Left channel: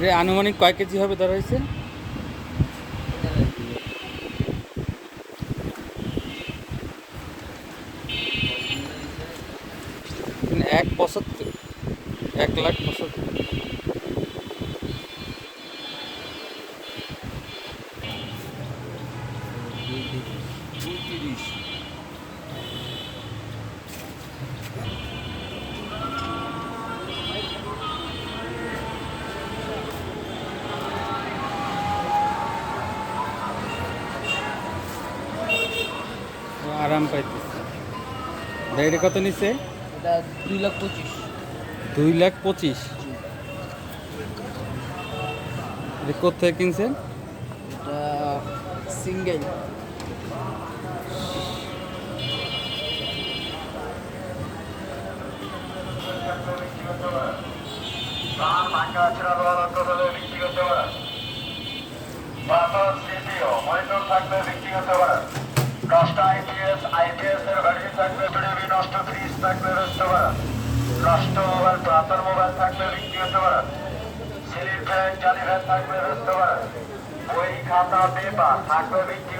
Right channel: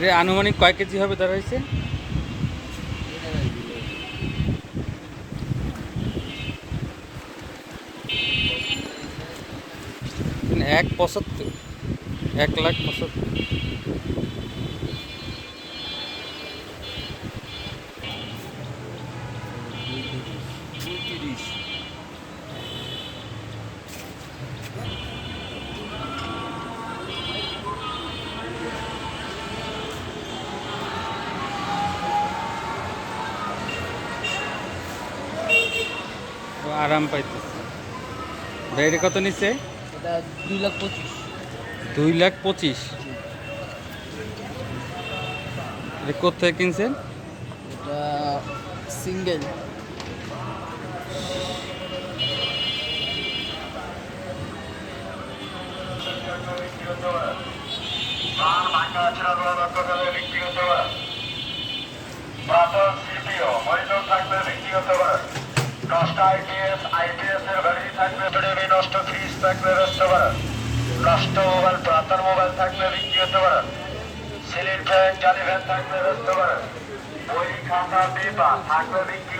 যে আনুমানিক কয় কেজি হবে দাঁড়াইছে এক পঁচাত্তর এক লাখ পঁচাত্তর। ও আরাম পাইতেছে। বাইরে কত নিছে? এটা দুই লাখ পঁচিশ। দুই লাখ পঁচিশ? এটা কোথায় কিনছেন? এটা সিঙ্গেল। দশটা আইপিএস আইপিএস এর ব্যাটারি থাকবে নষ্ট ফ্রিজ রতে পারে নষ্ট মোবাইল পুরাতন মোবাইল থাকলে বিক্রি হতে পারে সিলিং থাকলে খাতা পেপার থাকলে বিক্রি